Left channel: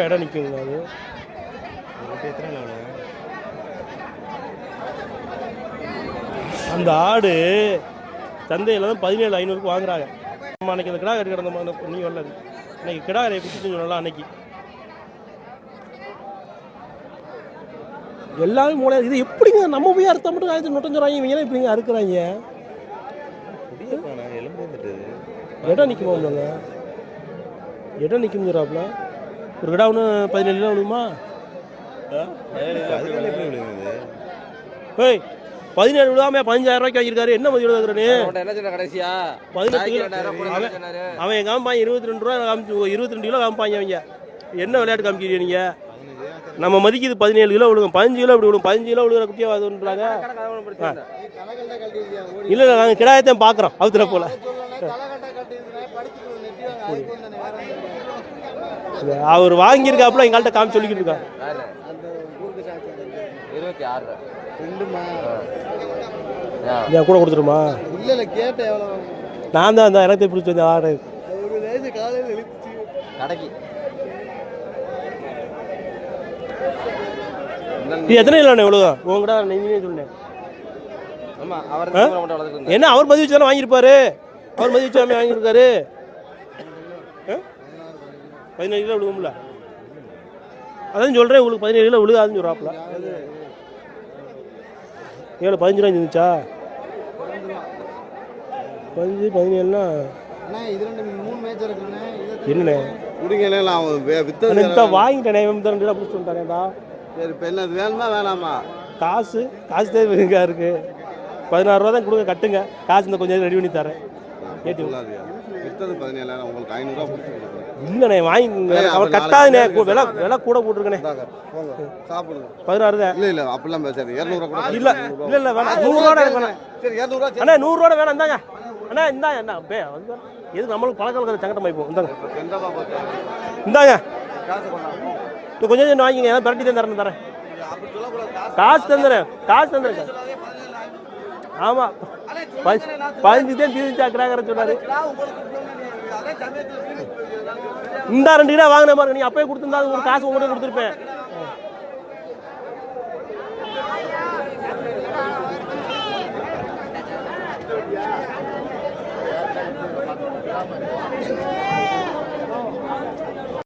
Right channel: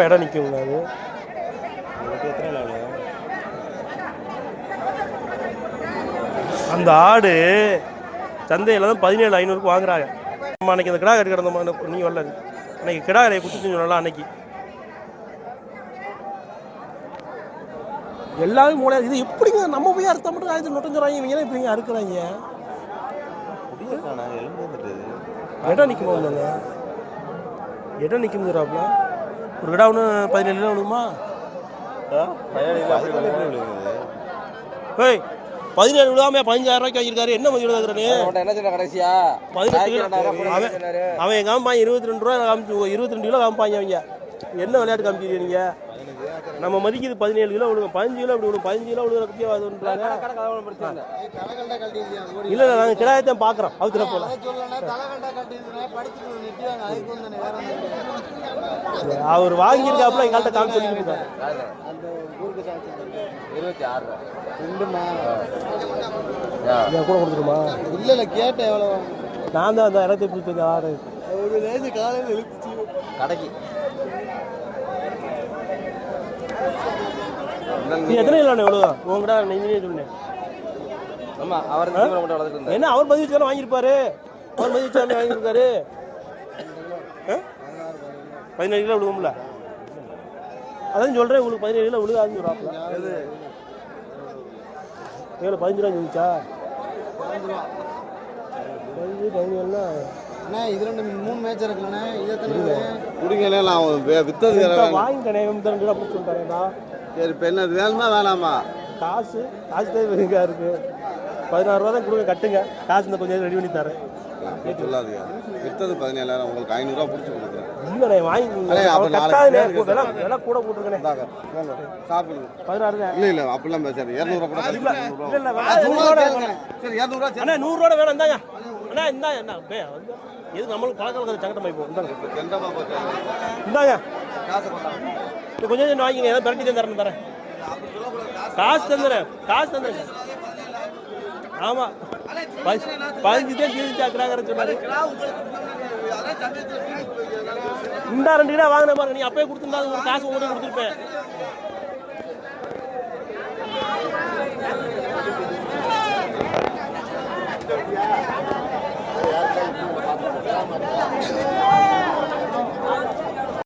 தாராளமாக இடம் நிற்குங்க. அது அந்த ஆடு சந்தையில் தான் 17,500 வாங்குறாங்க. நம்ம அன்றைக்கி அந்த கிடா கட்டி கிடந்த நீ வரல, அன்றைக்கி கிடா கடையை குடிச்சுன்னு சொல்லலாம். அன்னைக்கு எல்லாமே மூளை. இது எப்படிங்க நம்ம போய் அறுத்த மட்டும் ஆயிரத்தி முட்டஞ்சுறாங்க, இவங்க ஏன்னா இப்படிங்க அறுக்கிறாங்க? இடம் நிற்குமா? இல்லைங்க இடம் நிற்குங்கிறாப்புல. ஒரு கிடா ஒன்று 17 விழுகுமா? 17 விழுகாம 15,000 ரூபாய்க்கு வாங்கியிருக்காரு. என்ன மதியோட கடைசியா 18 அவன் காமிப்பாங்க 22 ரூபா காமிச்சு 22 கிலோ காமிப்பாங்க. அவங்க என்ன விளையாட்டு காமிக்கிறீங்க நீங்க? நம்ம மதிக்குது 17 கிலோ விழுகும், 15 கிலோ இப்படி விழுகும். 15 கிலோ விழுகிற குட்டியாக அதுன்றாங்க. இல்லை நாங்கள் கிடாயத்தையும் பார்க்குறோம் அவுத்துல போல. அவர் வாங்கியிருக்காப்புல எங்கள்கிட்ட காமி சொல்லிக்கிட்டு இருக்காங்க. என் கூட கொடுத்துருமா? இல்லை கேட்டேன். எவ்வளோ நான் தான் அந்த எனக்கு பிடிச்சி வந்தேன் ஆடு கடைக்கு. எத்தனை இல்லை எவ்வளோ உங்கடா நீங்களே சொன்னேன். ஆமாம் அவர் என்ன அவர் மதிய வச்சு தானே வாங்கியிருப்பாரு. அவர் மதிய வச்சு வாங்கியிருக்காரு. 17 கிலோ விழுகும்ல. அதான் சொல்கிறேன் உங்களுக்கு 17 கிலோ விழுகாதுன்னு சொல்கிறாப்புல. 15 ரூபாய் இருந்துச்சா? 15 17னா வாங்கிட்டேன் பிடிச்சிருப்பாங்கடா. சரி இப்போ என்ன வேணுமா வேணாமா? காசு தேவையா இருக்கு. 16 ரூபா தான் கொடுங்க, கட்டுங்க. காசு இந்த கொஞ்சம் ரெடி பண்ணி தரேன். கேட்டு வித்தது 17,000 உங்களுக்கு 500 ரூபா பிடிச்சி இல்லைண்ணே வாங்கி அவர் கட்டாதே விலை கூட போட்டுருக்கேனே. சாப்பிடுங்க 16 தான். இல்லை இல்லை அப்படிலாம் பேசாது. 200 ரூபா கூட இல்லை இல்லை இல்லை வேணாம். 100 ரூபா சரி 200 ரூபா அண்ணா 100 ரூபா வேணாம். இந்தாங்க அண்ணா இந்தாங்க என்ன அப்படியே எதுக்கு நம்மளுக்கு பழக்கம் சங்கட்டமாக இப்போ இந்தாங்க காசு கொஞ்சம் வாங்கிங்க. ஏன்னா பிரட்டி தான் தரேன். காசு தந்துடுறேன். ஆமாம் 15 தான் தீர்ச்சாக்குறாங்க சொன்னாரு. இந்த 2 கிலோ வாங்கின பாருங்க. நீ அப்பயே கொடுத்துருந்தா ஒரு காசு உங்கள்கிட்ட கொடுத்துருப்பேன்.